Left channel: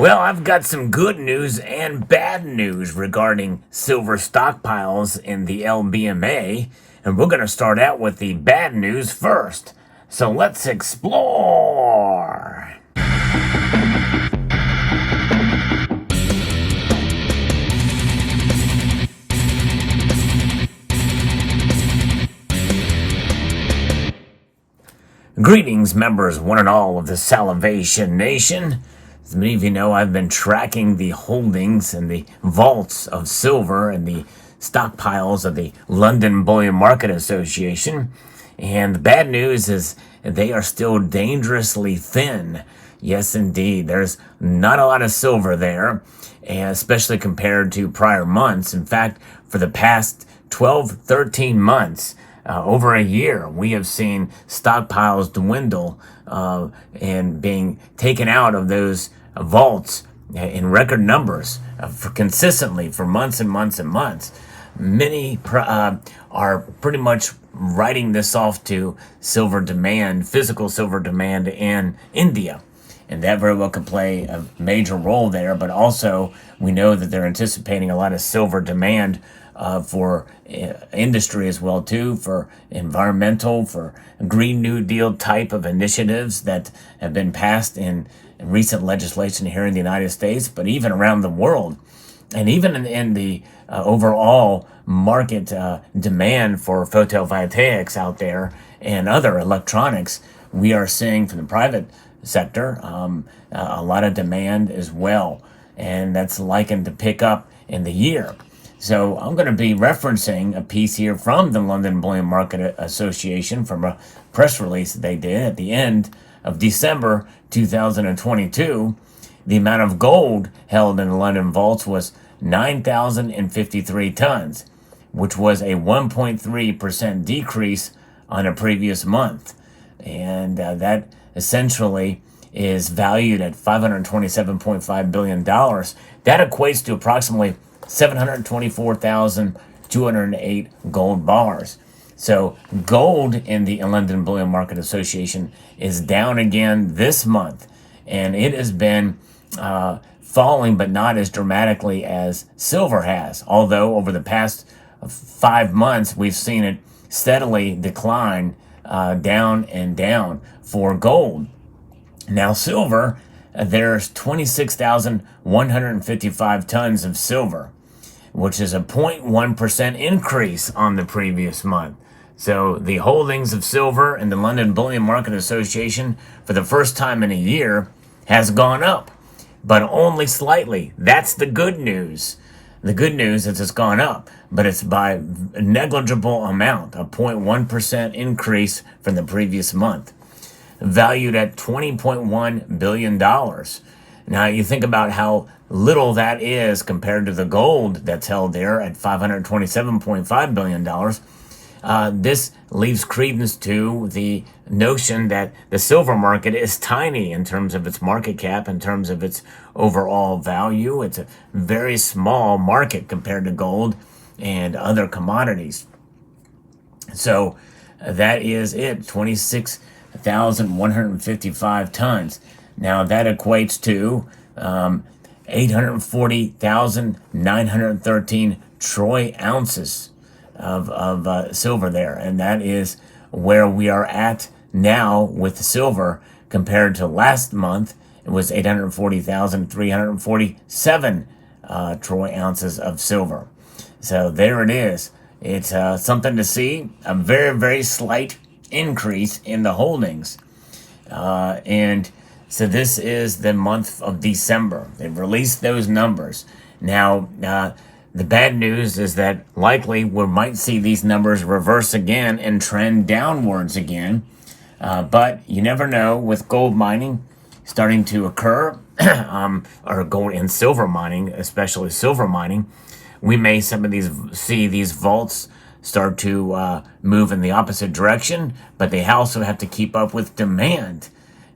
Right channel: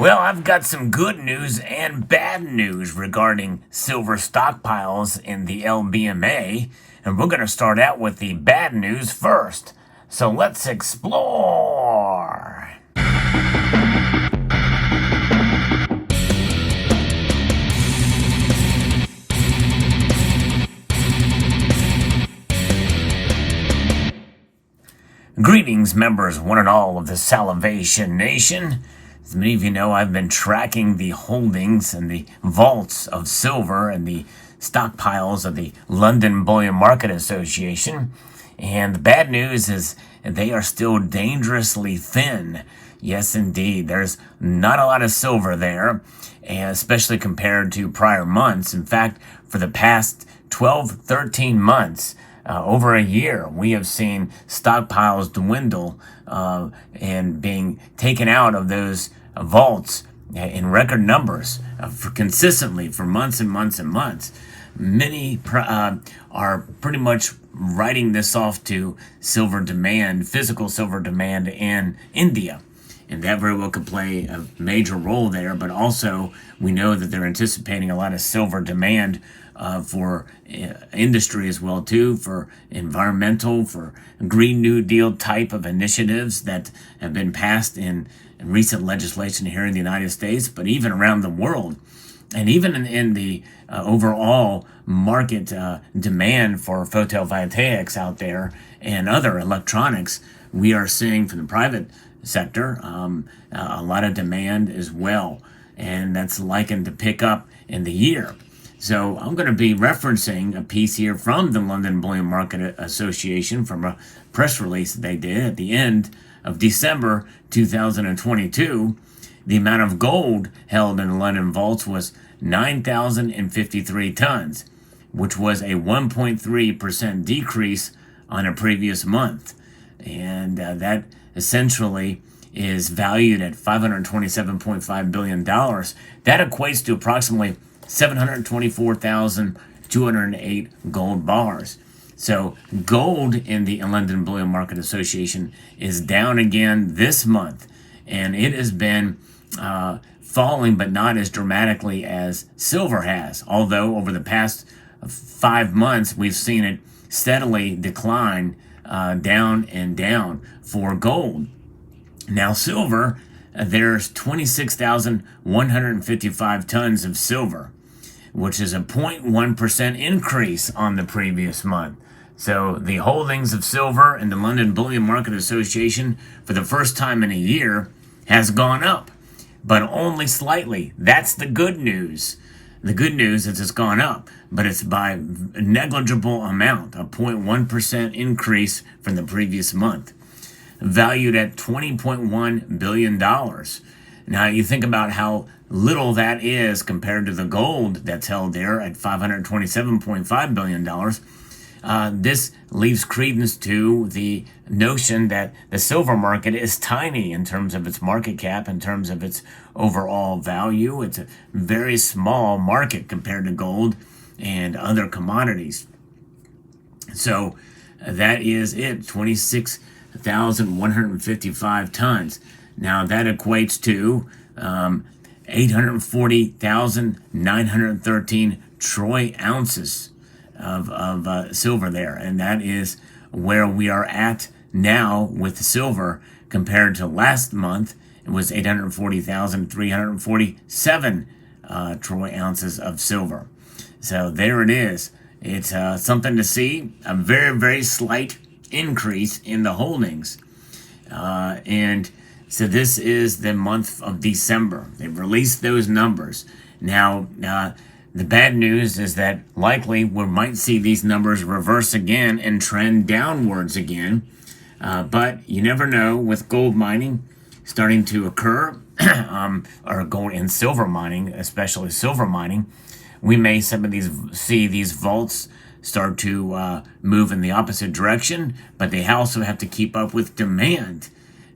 Well, I've got some good news and bad news regarding silver stockpiles in the LBMA, and we're going to start out with the bad news first. So let's explore. Greetings, members, one and all of the Salivation Nation. As many of you know, I've been tracking the holdings and the vaults of silver and the stockpiles of the London Bullion Market Association. And the bad news is they are still dangerously thin. Yes, indeed. There's not a lot of silver there, especially compared to prior months. In fact, for the past 12, 13 months, over a year, we have seen stockpiles dwindle and being taken out of those vaults in record numbers consistently for months and months and months. Many are pretty much writing this off to silver demand, physical silver demand in India. And that very well could play a major role there. But also, we know that they're anticipating a lot of silver demand for industry as well, too, for environmental, for Green New Deal type of initiatives that have been passed in recent legislation here in the United States, but even around the world. And even in the overall market demand for photovoltaics out there and other electronics, we are seeing from the private sector a lot of demand as well. And that's likened to pick up in the year. So I'm going to be referencing a piece here from the London Bullion Market Association from a press release that they did at the end of December 2022. The amount of gold held in the London vaults was 9,053 tons, which was a 1.3% decrease on a previous month. And that essentially is valued at $527.5 billion. That equates to approximately 724,208 gold bars. So gold in the London Bullion Market Association is down again this month, and it has been falling, but not as dramatically as silver has. Although over the past 5 months, we've seen it steadily decline down and down for gold. Now silver, there's 26,155 tons of silver, which is a 0.1% increase on the previous month. So the holdings of silver in the London Bullion Market Association for the first time in a year has gone up, but only slightly. That's the good news. The good news is it's gone up, but it's by a negligible amount, a 0.1% increase from the previous month, valued at $20.1 billion. Now, you think about how little that is compared to the gold that's held there at $527.5 billion. This leaves credence to the notion that the silver market is tiny in terms of its market cap, in terms of its overall value. It's a very small market compared to gold and other commodities. So that is it, 26,155 tons. Now that equates to 840,913 troy ounces of silver there. And that is where we are at now with silver compared to last month. It was 840,347 troy ounces of silver. So there it is. It's something to see, a very, very slight increase in the holdings. And so this is the month of December. They've released those numbers. Now, the bad news is that likely we might see these numbers reverse again and trend downwards again. But you never know with gold mining starting to occur, or gold and silver mining, especially silver mining. We may see these vaults start to move in the opposite direction, but they also have to keep up with demand.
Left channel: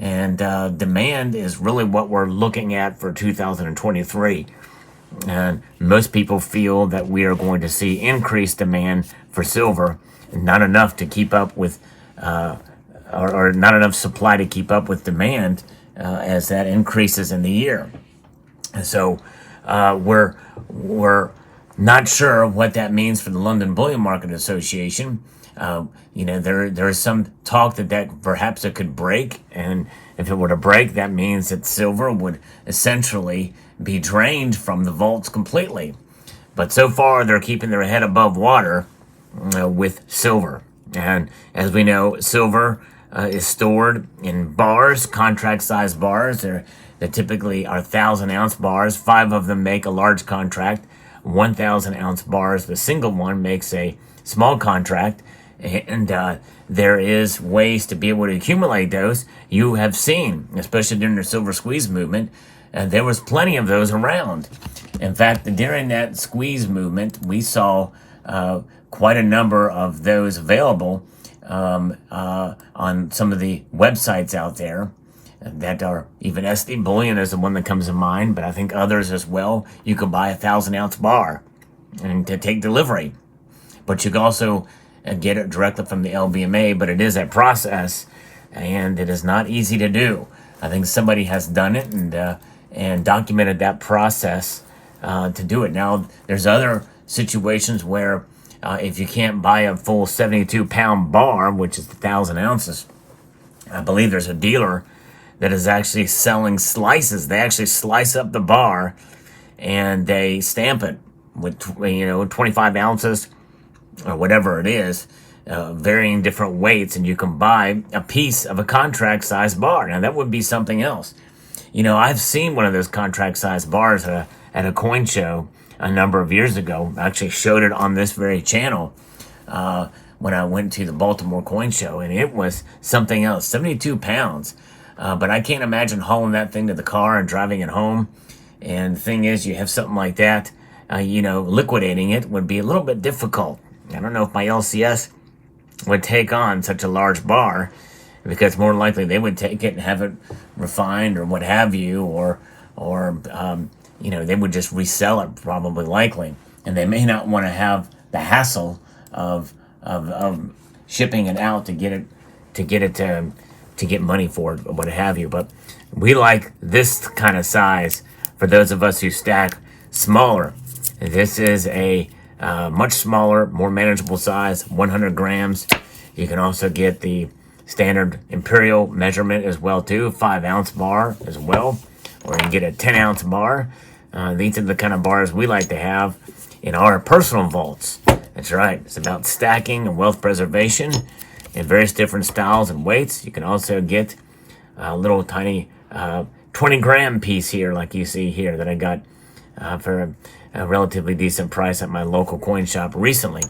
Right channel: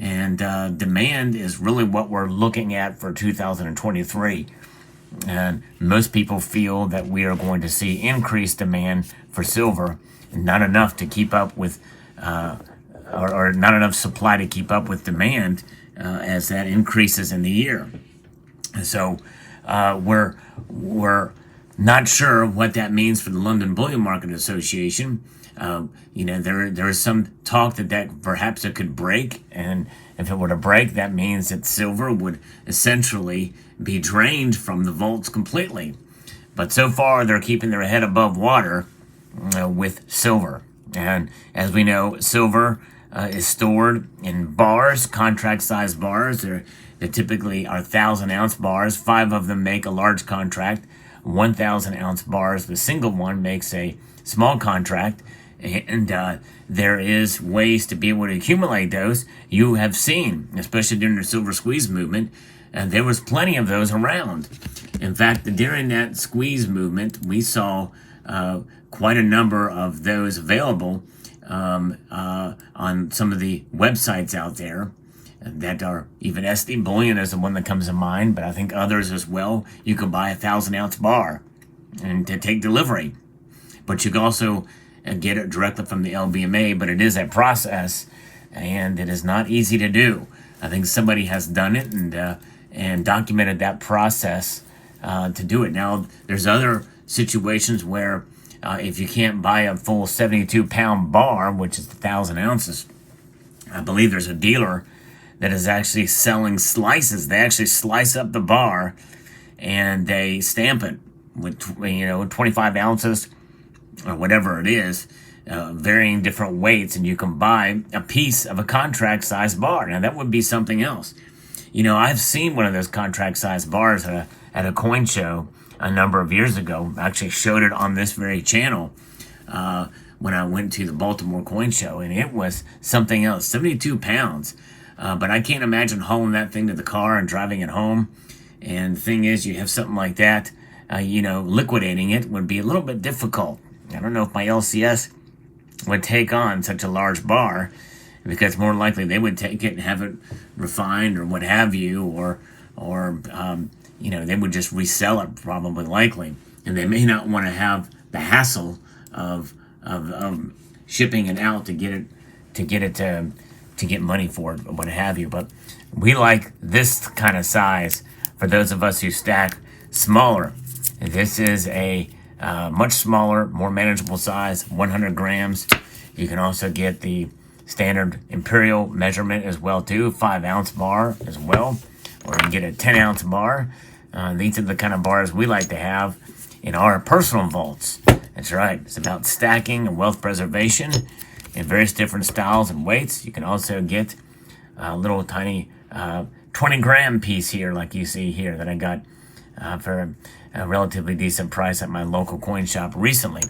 And demand is really what we're looking at for 2023. And most people feel that we are going to see increased demand for silver, not enough to keep up with, or not enough supply to keep up with demand as that increases in the year. And so we're not sure what that means for the London Bullion Market Association. There is some talk that perhaps it could break, and if it were to break, that means that silver would essentially be drained from the vaults completely. But so far, they're keeping their head above water with silver. And as we know, silver is stored in bars, contract-sized bars. They typically are 1,000-ounce bars. 5 of them make a large contract. 1,000-ounce bars, the single one makes a small contract. And there is ways to be able to accumulate those. You have seen, especially during the silver squeeze movement, and there was plenty of those around. In fact, during that squeeze movement, we saw quite a number of those available on some of the websites out there that are, even SD Bullion is the one that comes to mind, but I think others as well. You could buy a 1,000-ounce bar and to take delivery, but you can also get it directly from the LBMA, but it is a process, and it is not easy to do. I think somebody has done it and documented that process to do it. Now, there's other situations where if you can't buy a full 72-pound bar, which is 1,000 ounces, I believe there's a dealer that is actually selling slices. They actually slice up the bar and they stamp it with 25 ounces or whatever it is, varying different weights, and you can buy a piece of a contract-sized bar. Now, that would be something else. I've seen one of those contract-sized bars at a coin show a number of years ago. I actually showed it on this very channel when I went to the Baltimore Coin Show, and it was something else, 72 pounds. But I can't imagine hauling that thing to the car and driving it home. And the thing is, you have something like that, liquidating it would be a little bit difficult. I don't know if my LCS would take on such a large bar, because more likely they would take it and have it refined or what have you, or they would just resell it, probably likely, and they may not want to have the hassle of shipping it out to get money for it or what have you. But we like this kind of size for those of us who stack smaller. This is a much smaller, more manageable size, 100 grams. You can also get the standard imperial measurement as well too, 5-ounce bar as well, or you can get a 10-ounce bar. These are the kind of bars we like to have in our personal vaults. That's right. It's about stacking and wealth preservation in various different styles and weights. You can also get a little tiny 20-gram piece here, like you see here, that I got for a relatively decent price at my local coin shop recently.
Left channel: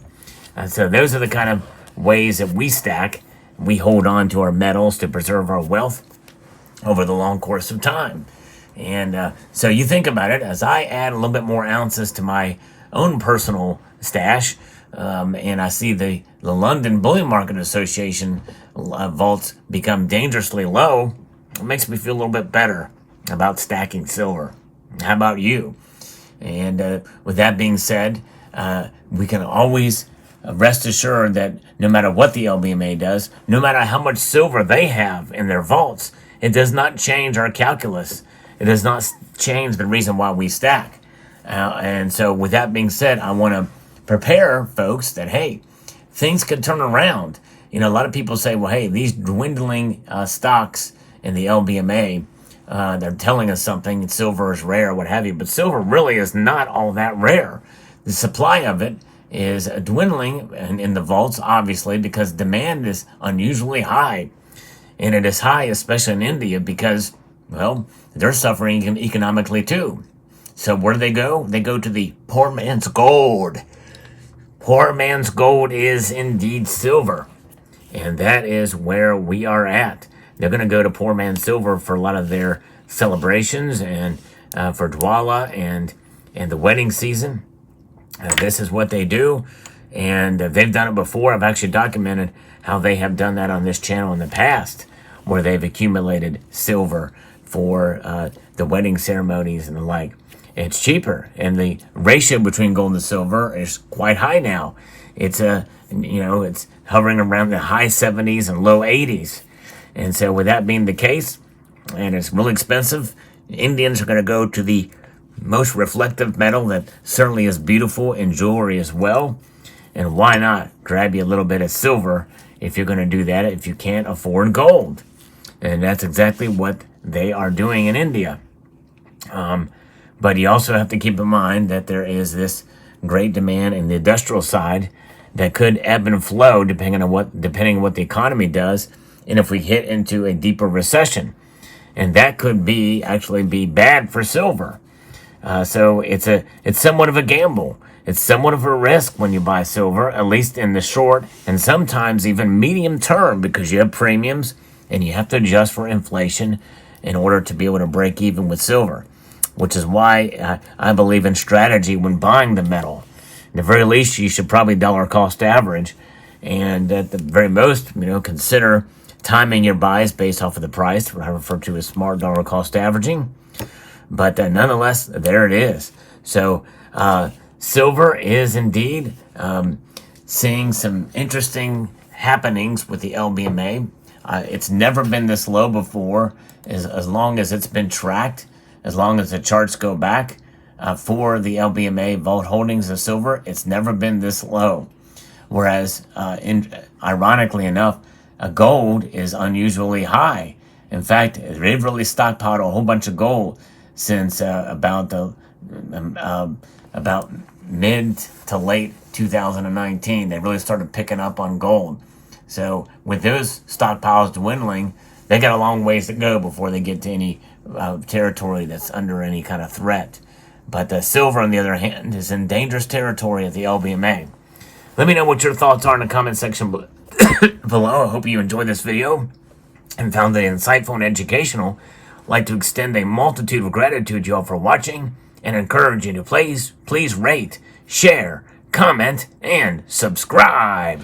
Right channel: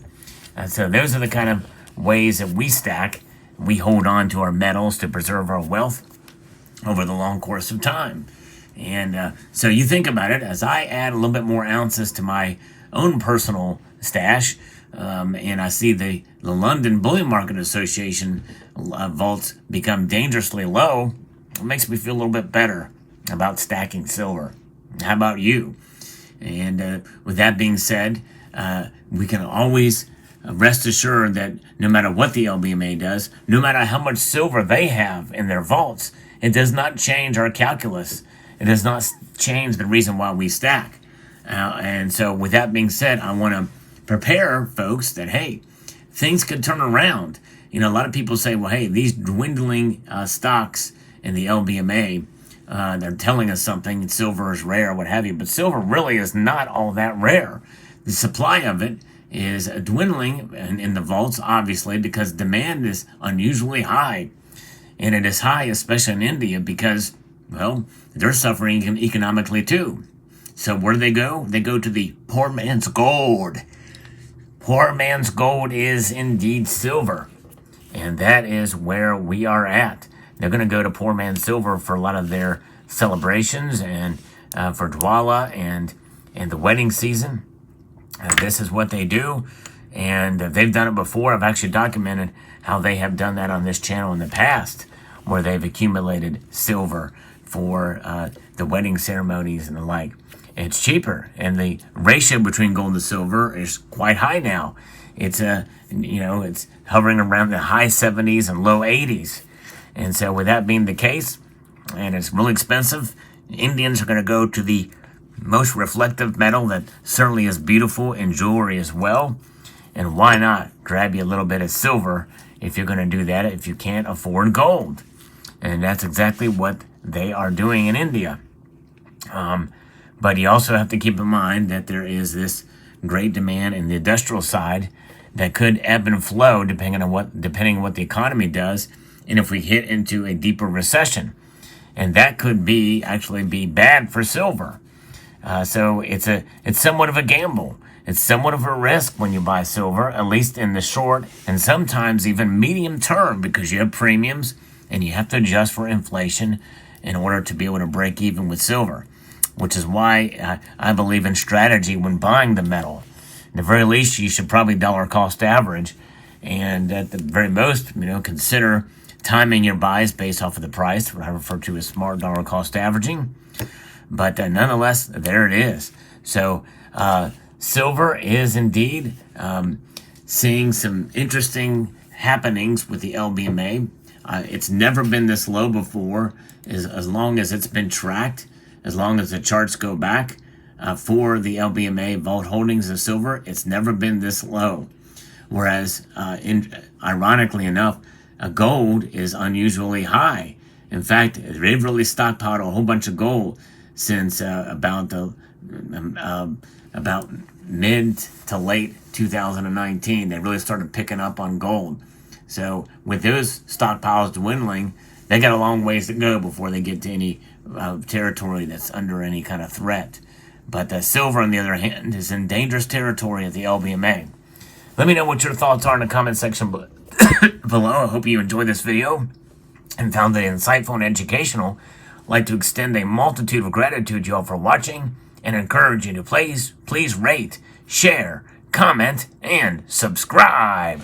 So those are the kind of ways that we stack. We hold on to our metals to preserve our wealth over the long course of time. And so you think about it, as I add a little bit more ounces to my own personal stash, and I see the London Bullion Market Association vaults become dangerously low, it makes me feel a little bit better about stacking silver. How about you? And with that being said, we can always rest assured that no matter what the LBMA does, no matter how much silver they have in their vaults, it does not change our calculus. It does not change the reason why we stack. And so with that being said, I want to prepare folks that, hey, things could turn around. A lot of people say, well, hey, these dwindling stocks in the LBMA, they're telling us something, silver is rare, what have you, but silver really is not all that rare. The supply of it is dwindling in the vaults, obviously, because demand is unusually high. And it is high, especially in India, because, well, they're suffering economically too. So where do they go? They go to the poor man's gold. Poor man's gold is indeed silver. And that is where we are at. They're going to go to poor man's silver for a lot of their celebrations and for Dwala and the wedding season. This is what they do. And they've done it before. I've actually documented how they have done that on this channel in the past, where they've accumulated silver for the wedding ceremonies and the like. It's cheaper, and the ratio between gold and silver is quite high now. It's it's hovering around the high 70s and low 80s. And so with that being the case, and it's really expensive, Indians are going to go to the most reflective metal that certainly is beautiful in jewelry as well. And why not grab you a little bit of silver if you're going to do that if you can't afford gold? And that's exactly what they are doing in India. But you also have to keep in mind that there is this great demand in the industrial side that could ebb and flow depending on what the economy does, and if we hit into a deeper recession, and that could actually be bad for silver. So it's somewhat of a gamble. It's somewhat of a risk when you buy silver, at least in the short and sometimes even medium term, because you have premiums and you have to adjust for inflation in order to be able to break even with silver, which is why I believe in strategy when buying the metal. At the very least, you should probably dollar cost average, and at the very most, consider timing your buys based off of the price, what I refer to as smart dollar cost averaging. But nonetheless, there it is. So silver is indeed seeing some interesting happenings with the LBMA. It's never been this low before, as long as it's been tracked, as long as the charts go back for the LBMA Vault Holdings of silver. It's never been this low. Whereas, ironically enough, gold is unusually high. In fact, they've really stockpiled a whole bunch of gold since about mid to late 2019. They really started picking up on gold. So with those stockpiles dwindling, they got a long ways to go before they get to any territory that's under any kind of threat. But silver, on the other hand, is in dangerous territory at the LBMA. Let me know what your thoughts are in the comment section below. I hope you enjoyed this video and found it insightful and educational. I'd like to extend a multitude of gratitude to you all for watching and encourage you to please rate, share, comment, and subscribe.